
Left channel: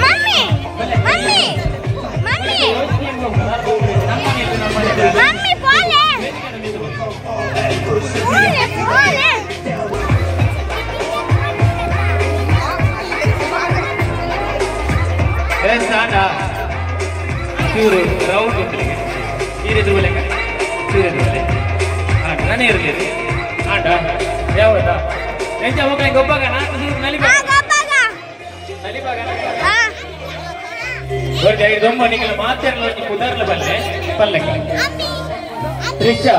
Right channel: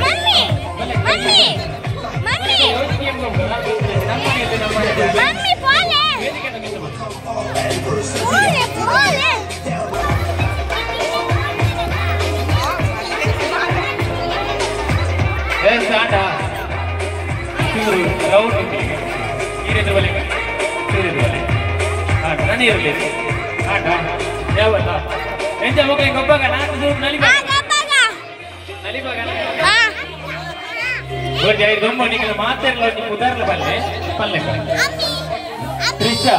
ಮಮ್ಮಿ ಮಮ್ಮಿ ಮಮ್ಮಿ ಮಮ್ಮಿ ಓಲೆ ಓಲೆ ಓಲೆ ಎಸ್ ಆಟ ಚೂರು ರೌಂಡ್ ಈರಿದು ಬಲೆ ಚೂರಿದು ಬಲೆ ಆಟ ನಾನು ಇರಲಿ ಆಟ ಯಾವತ್ತ ಎಂತ ಹೋಗ ಗೊಬ್ಬಾಗ ನಾನು ಚೂರು ನಲಿಬಾಗ ನಲಿಬಾಗ ನೋಡಿ ದೊಮ್ಮ ನಿಮಗೆ ಮಾತಾಡಲು ನೀವು ಉದಾರ್ಲ ಬಲ್ಲೆ ಪಲ್ಲೆ ದೃಶ್ಯ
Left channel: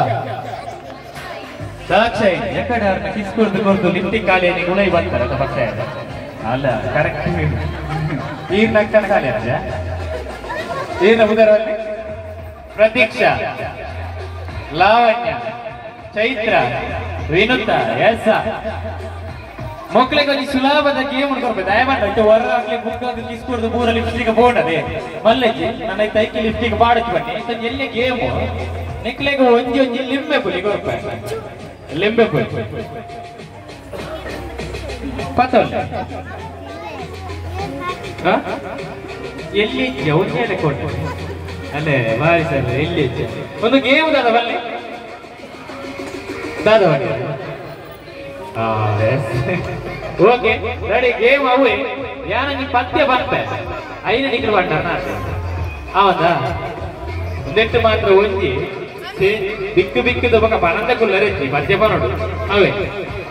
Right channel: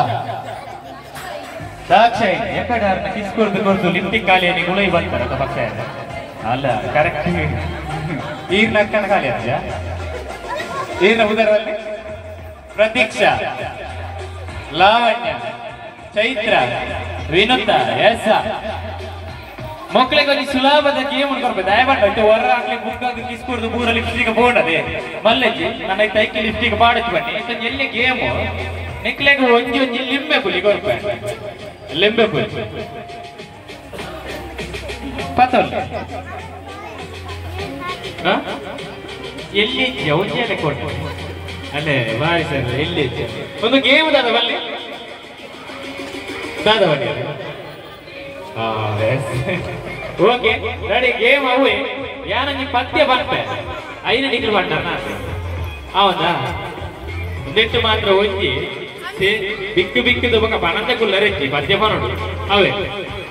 ಸಾಕ್ಷಿ ಎಕಡಾರ್ನ ಕಿಸ್ಕೊರ್ದು ಕೊರ್ದು ಲಿಪ್ಟಿಕ್ ಖಾಲಿ ಗುಲೈ ಬರ್ತಾರೆ ಪಕ್ಷ ಅಲ್ಲ ಕರೆಕ್ಟ್ ಈ ಲಕ್ಕಣ ಖಾಲಿ ಅಂತ ಏನು ಉದಾರಲ್ಲಿ ಪ್ರತೀಕ್ಷಾ ಲಾವಣ್ಯ ಚೈತ್ರ ವಿನುತ ಎಸ್ ಮಕ್ಕಳಿಗೆ ಸುಲಭದ ಗೇಮ್ ಕೊಡ್ಬೇಕು ದಯಮಾಡಿ ಹೊರ ಆಗ್ಲಿ ಬುಕ್ ಆಗಿ ಕಿಸ್ಕೊಡ್ದು ಮೂರ ಲಿಪ್ಸ್ಟಿಕ್ ಬೋರ್ಡದೆ ಮಲ್ಲಜ್ಜಿ ನನ್ನ ತೈಕಿ ಲಿಪ್ಸ್ಟಿಕ್ ಬಾಡತ್ ಬನ್ನಿ ಎಲ್ಲಿ ಗೇಮ್ ನಿಕ್ಲೆಗೆ ಒಂಜಿ ಒಂಜಿ ಲಿಂಬೆ ಪುಲಿ ಕೊಡ್ಪ ಲಿಂಬೆ ಪುಲಿ ಪತ್ತೋಲ್ ಎಲ್ಲಿ ಒಂಜಿ ಕೊಟ್ಟು ಅಲ್ಲೇ ಬಾರಿ ಸರ್ ಎಲ್ಲಿ ಒಂದು ಗೇಮ್ ದಾದ ಬಲ್ಲೆ ದಾದ ಬನ್ನಿ ಓಕೆ ರೆಡಿ ಗೇಮ್ ಅವೇ ಯಾನ ನೀ ಪದ್ಯ ಬರ್ತೆ 5 ಡಿಗ್ರಿ ಬಂಟನ ಅವನಾ ನೆಟ್ಟು ಮಾತ್ರ ಒಂಜಿ ಬಿಕ್ಕು ಬಿಕ್ಕಿದ ಬಕ ಪಣಂದ ಕುಲ್ಲರೆಚ್ಚಿ ಪದ್ಯ ಬರೋಡು ಅವೇ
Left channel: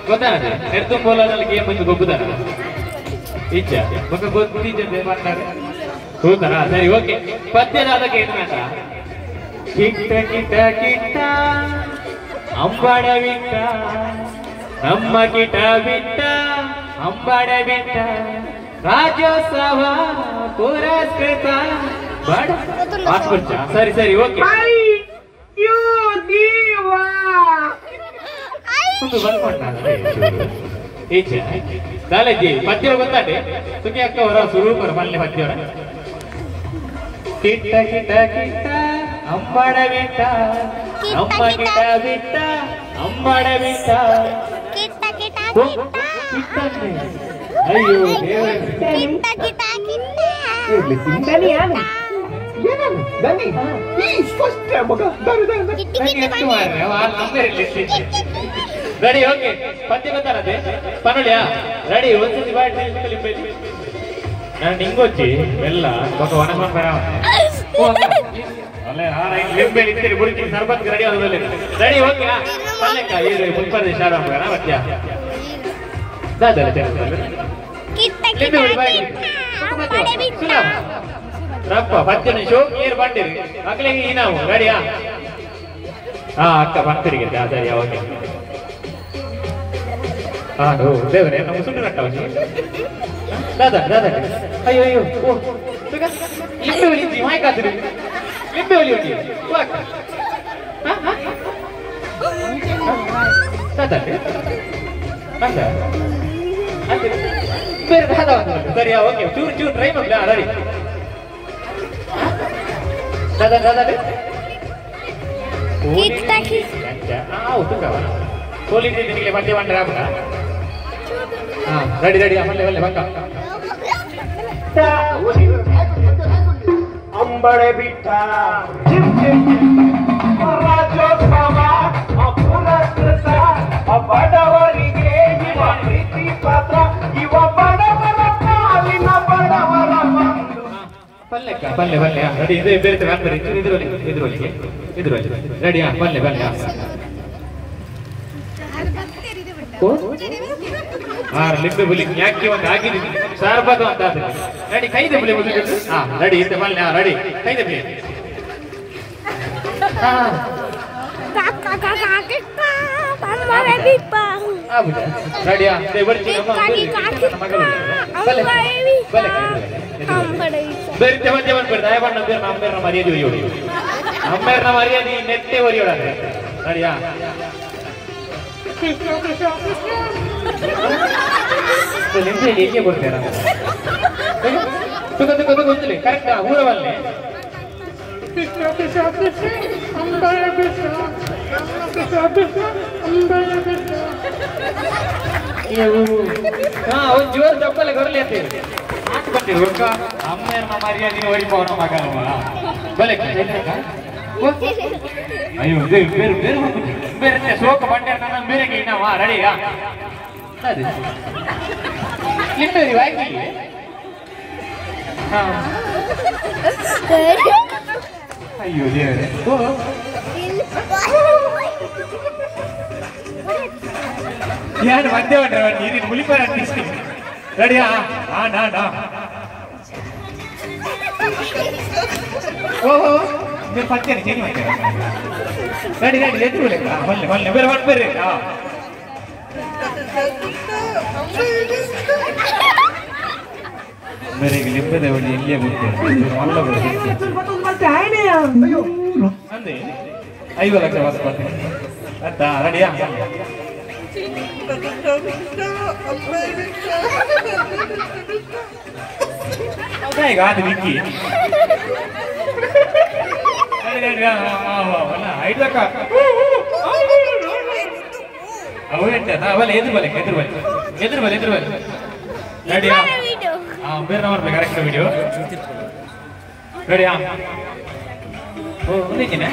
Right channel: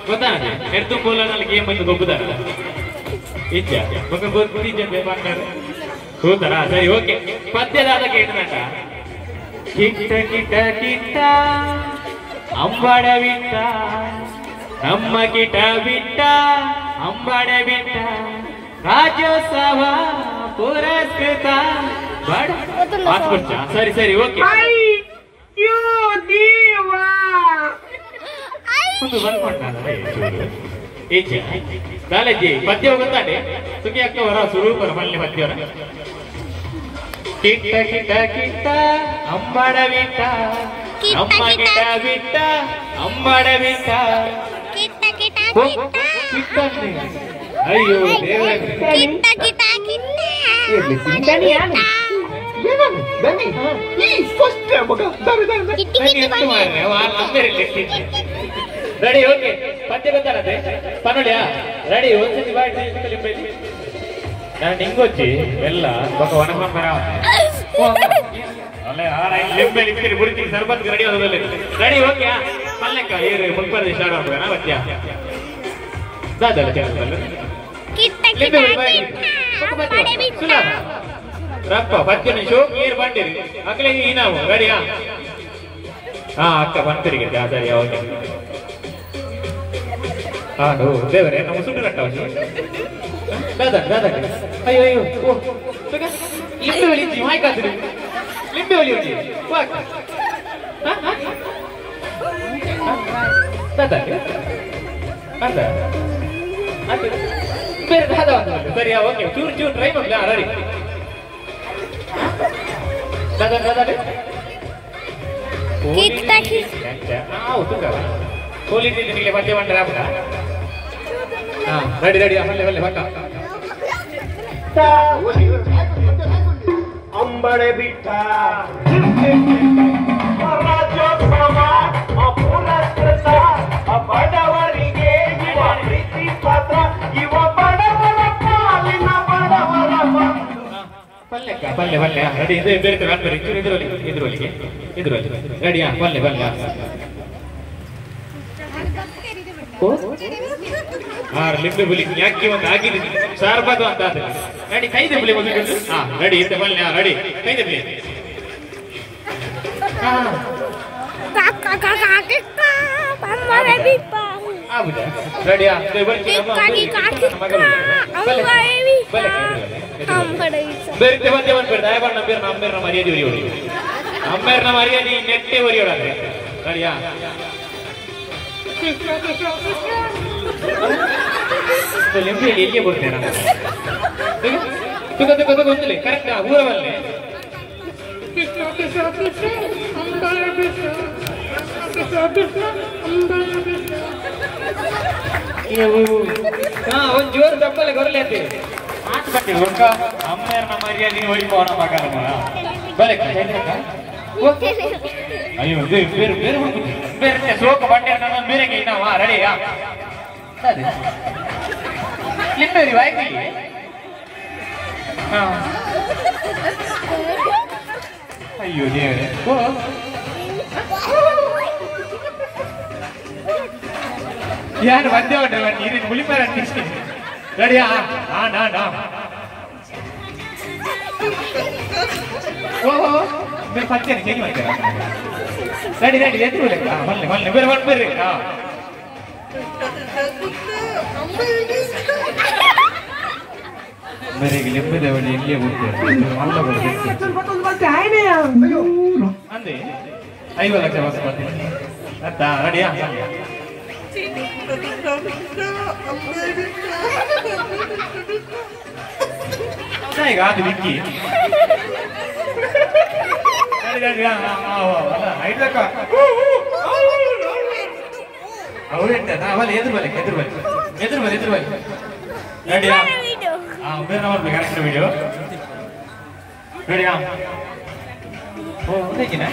ಗೊತ್ತಾನೆ ನೆಟ್ಟು ಬೋಲನಲ್ಲಿ ಗೇಮ್ ಬಂದು ಗೊಬ್ಬುದಾರ ಇಚ್ಚ ಬಕ ಗೊತ್ತಿದ್ದೆ ಬಂಟಾರ ಹೋತಾರ ಸರಿ ಓಕೆ ಪದ್ಯದಾದ ಗೇಮ್ ನಾಟ ಕಿಟ್ಟ ಕಿಟ್ಟ ಕಿಟ್ಟ ಅಂಬಾಡ ಬಿಟ್ಟ ನಮ್ಮ ಕಿಟ ಬಿಟ್ಟ ಅಂಬಾಡ ಬಿಟ್ಟ ರಾಜ್ಯೋತ್ಸವ ಪುರಸ್ಕೃತ ಸರಿ ಸರಿ ಓಕೆ ಕಾಲೇಜಿ ಪದ್ಯ ಗೊತ್ತಾಡೆ ಸುಖಿ ಅಕ್ಕ ಅವರ ಸ್ವರೂಪರ ಮಲ್ಲೆ ಪದ್ಯವರ ಕಿಟ್ಟ ಕಿಟ್ಟ ಕಿಟ್ಟ ಅಂಬಾಡ ಬಿಟ್ಟ ನಮ್ಮ ಕಿಟ ಬಿಟ್ಟ ಅಂಬಾಡ ಬಿಟ್ಟ ಅಯ್ಯೋ ರೆಡಿ ಓಕೆ ಪದ್ಯ ಗೊತ್ತಾರದೆ ಪನೋಳಿಯಾ ರೆಡಿ ಒಂದ್ಸತಿ ನಾನು ನಿಂಗೊಚ್ಚಿ ಎಲ್ಲ ಬಕ ಒಣಮಂದರ ಅಲ್ಲೇ ಲಿಂಬೆ ಇರ್ತೀರಿ ಬುರ್ಕಿ ಸರ್ಬತ್ ರೆಡಿ ಆದ್ಮೇಲೆ ರೆಡಿ ಓಕೆ ಪಲ್ಲೆಕ್ಕ ಇವ್ರು ಮುನ್ಪರ್ದೆ ಶಾಡ ಹೋಗೋಣ ಮಧ್ಯ ದಾದಲ್ಲ ಚಲೋ ರಪ್ಪ ಪಚ್ಚನೆ ಶೋ ನೀರು ಬಂದಿರಿ ಮಕ್ಕಳಿಗೆ ಈ ನಾವು ರೆಡಿಯಾ ಹಾ ಅಕ್ಕ ಬಂತರಿಗೆ ಸರಿ ಓಕೆ ಹಾಡು ದೇವರೇ ನಮ್ಮ ಸುಳ್ಳು ಕಟ್ಟವನಿ ದಾದಾ ದಾದಾ ಅಯ್ಯೋ ಅಯ್ಯೋ ಓ ಲಿಂಬೆ ಒಲಿಂಚಿ ಮಾಯ್ಕಾದ್ರಿ ಲಿಂಬೆ ಒಲಿಯುಂಚಿ ವಾಕ್ ದಾದಾ ಅಲ್ಲ ಅಲ್ಲ ಬೇರೆ ದಾದಾ ಸರಿಯಾ ಓಕೆ ಚೂರು ಚೂರು ಟ್ರೈ ಮಾಡಲ ರೆಡಿ ದಾದಾ ದಾದಾ ಕಿಟ್ಟ ಕಿಟ್ಟ ಕೋಲಿ ನಿಮಗೆ ಮಧ್ಯ ಬಂದ್ರೆ ಆಗ್ತದ ರೆಡಿ ರೆಡಿ ಆಮೇಲೆ ಒಳ್ಳೆ ಬಕ್ಕ ಅಂಬಳೆ ಬಿಟ್ಟ ರಾಜ್ಯೋತ್ಸವ ಪುರಸ್ಕೃತ ಬಡವರಿಗೆ ಇವ ಪ್ರೀತಿ ಪತ್ರ ಇವ ಬಡವರ ಪಾಲಿನ ಬಡವರ ಪಲ್ಲೆಕ್ಕ ಪಲ್ಲೆ ಪಲ್ಲೆ ರೆಡಿ ಇದು ಬೇರೆ ಕಾಣ್ತಾರೆ ಇದ್ರೊಳಗೆ ರೆಡಿ ಪಲ್ಲೆ ಪಲ್ಲೆ ಲಿಂಬೆ ಬುಲಿ ಯಾಕೆ ಒಂದು ಆಗಿದ್ದೀನಿ ಸಾರ್ಬಾದು ಅಂತ ರೆಡಿ ಕೈದೆ ಬುಲಿ ಹಾ ರೆಡಿ ಇದ್ದ ಬಲ್ಲೆ ರೆಡಿ ಕೈದೆ ಬುಲಿ ರೆಡಿಯಾ ಬೇರೆ ಒಂದೇ ಒಂದು ಬೇರೆ ದಯಬಣ್ಣ ಬೇರೆ ಅಮ್ಮೇರ್ನ ಮರ್ಯಾದೆ ಒರಿಯೋಡಿ ಅಮ್ಮೇರ್ನ ಮರ್ಯಾದೆ ನೆಟ್ಟೆ ಒರಿಯೋಡಾದ್ರೆ ರೆಡಿಯಾ ಹೇಗೆ ಬರ್ತೇನೆ ಗೊತ್ತಿಲ್ಲ ಕರೆಕ್ಟ್ ಊರವಲ್ಲೇ ಒಂದು ಜೋರ್ ಚಪ್ಪಲೆ ಬರಲಿ ಅಂತ ಅಮ್ಮೇರ್ನ ಮರ್ಯಾದೆ ಓಡಿಪೋನ ಮಗನ ಬಲೆ ಅಯ್ಯೋ ಬೇರೆ ಬೇರೆ ಬೇರೆ ಶೋಕ ಬಂಡೆ ನನ್ನ ಬೇರೆ ನಾವ ರೆಡಿಯಾ ಲಿಂಬೆರಿ ವಾಯ್ತಿಗೆ ಅಯ್ಯೋ ದೇವರೇ ಯಾರು ಬಂದೇ ಬಿಟ್ರೆ ನೀರಿನ ಮುಳಿಪೇರ ರೆಡಿಯಾ ಓಹೋ ಬೇರೆ ಸತ್ಯನೇ ಚೇಂಜ್ ಮಾಡ್ತಾರೆ ರೆಡಿ ರೆಡಿ ಎದ್ದು ಮಲ್ಲೆ ಬೇರೆ ಬರ್ಬೇರಿ ಬೇರೆಗೆ ಲಿಂಬೆದ ಬಳಿ ಇಲ್ಲೇ ಅಂದೆ 5 ಲಕ್ಷ ವಾಪಸ್ ಬರ್ತೀನಿ ಅತ್ತಾ ರೆಡಿಯಾ ಈಗ ಅದು ವಿಕ್ಕಿ 5 ಲಕ್ಷ ಅವರೆಂಟ ಅವಲ್ಲ ಎದುರು ಬಲೆ ರೆಡಿಯಾ ಬೇರೆ ನಂಬರ್ ಬೇಕು ಕರೆಕ್ಟ್ ವಿಡಿಯೋ ರೆಡಿಯಾ ಒಂದೇಕಿನ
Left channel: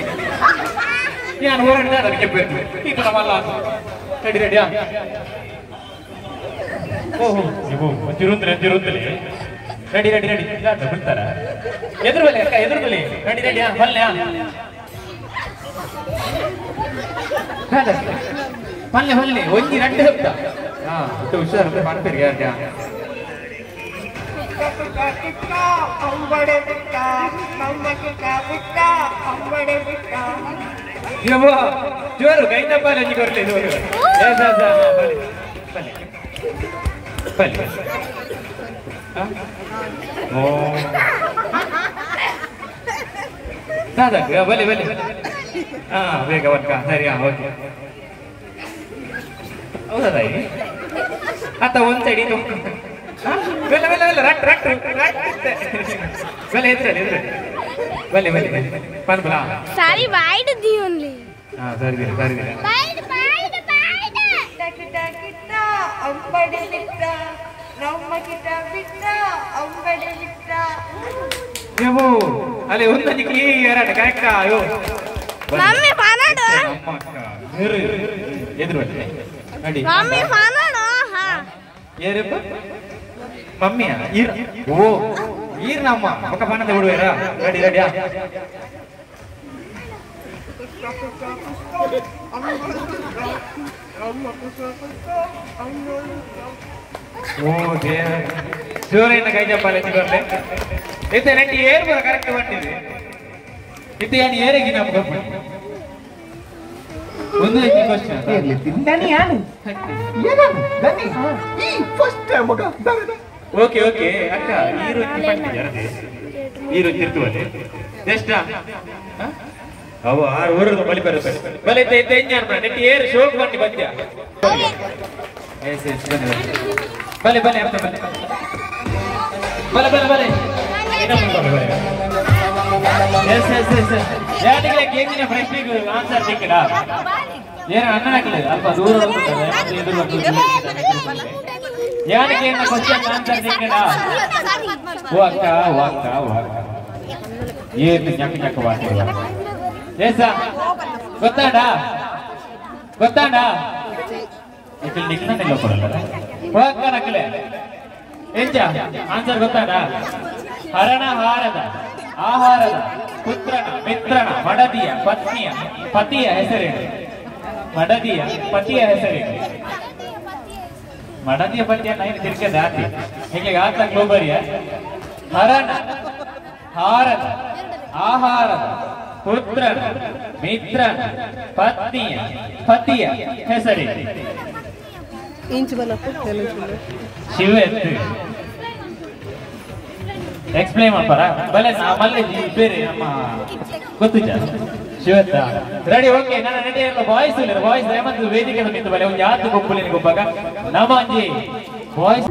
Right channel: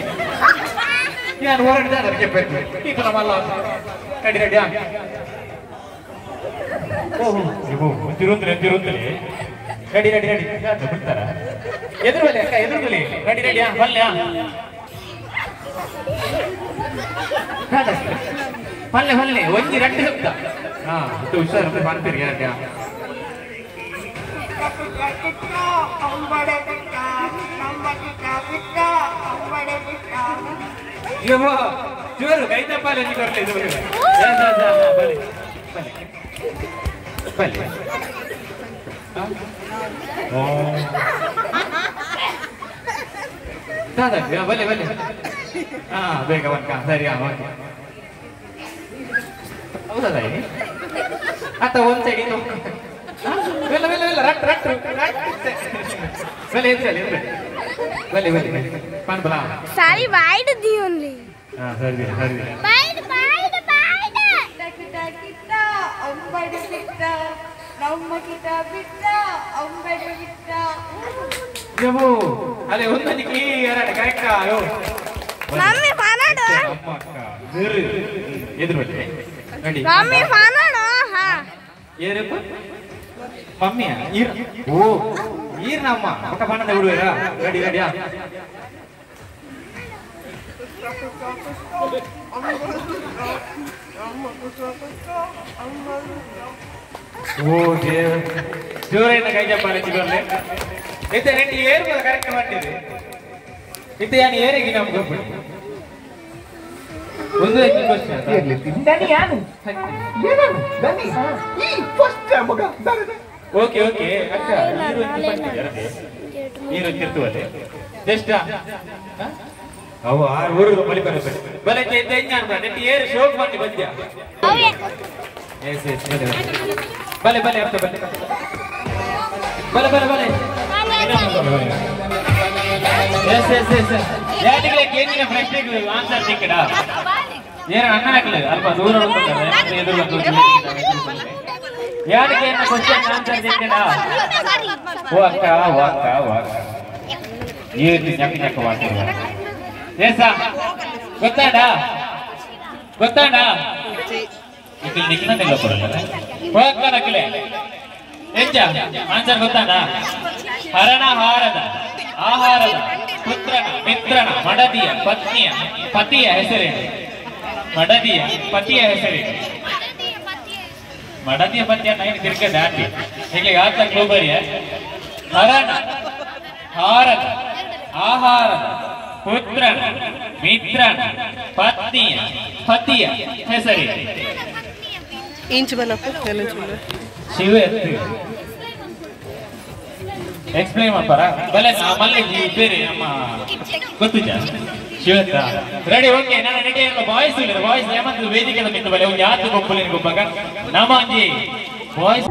ನಾನು ಹೊರಡಿದ ಅದಕ್ಕೆ ಬೇಕು ಈಗ ನಮ್ಮಲ್ಲ ರೆಡಿ ರೆಡಿಯಾ ತಿರುತ್ತಲೇ ರೆಡಿ ರೆಡಿ ರೆಡಿ ಬಿಡ್ತಾರ ಎದುರು ಬಲೆ ಅಕ್ಕ ಎದುರು ಬಲೆ ರೆಡಿ ರೆಡಿಯಾ ಬಲ್ಲೆ ಬಲ್ಲೆ ಒಂದಿ ರೆಡ್ಡಿ ಹಬ್ಬ ಹಾ ಹುಷಾರು ಮಾಡ್ತೀರಿ ಯಾರ್ಯ ಜೋರು ಕೈ ತಪ್ಪಲ್ಲ ಬರಲಿ ಬಲೆ ಬಲೆ ಹಾ ಬೇಗ ಬರ್ಕ ಸರಿ ಓಕೆ ಹೌದಾ ಅತ್ತ ಒಂದ್ ಸೈಡ್ सारी वाइड दी ओनली ಅಲ್ಲೇ ಒಂದು ಕರೆಕ್ಟ್ ಮಮ್ಮಿ ಫಾನಾಡು ಎದುರು ಮಮ್ಮಿ ಫಾನಾಡು ಹಾ ಏರಪ್ಪ ಮಮ್ಮಿಯ ಈರ್ ಓ ಈರ್ ನಮ್ಮ ಪಕ್ಕ ಪಾನದ ಬಿಡುವೇರಾ ರೆಡಿ ರೆಡಿಯಾ ಓ ದೇವ ಜೋರೇನ ಕೈ ಜಪ್ಪಾಲೆ ಚಿಗರ್ಲೆ ಇತ್ತೆ ನೆಟ್ಟಿ ಏರ್ ಬರ ಕರೆಕ್ಟ್ ಮಾಡ್ತಿದೆ ಇತ್ತೆ ಯಾನಿ ಏರಿಗೆ ನಾವು ಗೊತ್ತು ಒಂದು ಕ್ವೆಶ್ಚನ್ ಇರ್ಲಿ ತಿಂದಾನಿ ಯಾರು ಬನ್ನಿ ಈ ಫಸ್ಟ್ ಟೈಮ್ ಮಗ ಓಕೆ ಓಕೆ ಅಕ್ಕ ನೀರು ತಿರ್ತುವಲೆ ಎಷ್ಟಾ ಅವ 6 ವರ್ಷದ ಮಳಿ ಬರುತ್ತೆ ಬಲೆ ಇತ್ತೆ ಎಂಜಾನ್ ಬರ ನೆಟ್ಟಿ ಏರ್ ಶೋಕ್ ಮಾಡಿ ಬಂದ್ಯಾ ಎಸ್ ಎಸ್ ಬಲೆ ಬಲೆ ಅರ್ಥ ಬಲೆ ಬಲೆ ಬಲೆ ಬಲೆ ಎಸ್ ಎಸ್ ಎಸ್ ಯಾಟಿಗೆ ಕೇಳಿನ ಪ್ರಶ್ನೆಗೆ ಆನ್ಸರ್ ಸಿಕ್ಕಡ ಏನು ಅನ್ನಕ್ಕೆ ಅಲ್ಪ ದೂರ ಯಾಟಿಗೆ ಕ್ವಶ್ಚನ್ ಆನ್ಸರ್ ಸಿಕ್ಕಡ ಓ ಅಕ್ಕ ಏನು ಚಕ್ಕ ಚಕ್ಕ ಮಾಡ್ತೀರ ಏಸ ಗೊತ್ತಾಡ ಇದು ನಿಕ್ಕನಲ್ಲ ಕೊಡಲ್ಲ ಹೋಗ್ತಾ ನಕ್ಕಲೆ ಎಂಜ ಆನ್ಸರ್ ಗೊತ್ತಾಡ ಹರಣ ಹಾರದ ಆಹಾರದ ಪುತ್ರನ ಮಿತ್ರನ ಮಡದಿಯ ಪತಿಯ ಹೆಸರೇನು ಮಡದಿಯ ಪತಿಯ ಹೆಸರೇನು ಮಡದಿಯ ಪತಿಯ ನೈನ್ ತಿರ್ಕೆ ದಾಟಿ ಹೀಗೆ ಆತ ಗ್ಲೋಬರಿಯ ಹರಣ ಹಾರದ ಆಹಾರದ ಪುತ್ರನ ಮಿತ್ರನ ಪತಿಯ ಹೆಸರೇನು ಇಂಚ್ ಬಲಪ್ಪು ಎಲ್ಲ ಚೂರು ಶಿವ ಎಕ್ಸ್ಪ್ಲೇನ್ ಮಾಡ್ತಾರ ಬಲೆ ಮಲ್ಲಿಗೆ ಬೇರೆ ನಮ್ಮ ಗೊತ್ತಿದ್ದ ಶಿವತ್ತ ರೆಡಿ ಓಕೆ ನನ್ನ ರೆಡಿ ಎಲ್ಲ ಬಾಯ್ಸ್ ಇಲ್ಲ ಬಾಯ್ಸ್ ಏಮಂತ ವೇದಿಕೆ ನಿಂತು ಬಲೆ ಒಂದು ಯಾತ್ರೆ ಗೊಬ್ಬಲಿನ ಗೊಬ್ಬಾಗ ನಮಗೆ ಬಾಯ್ಸ್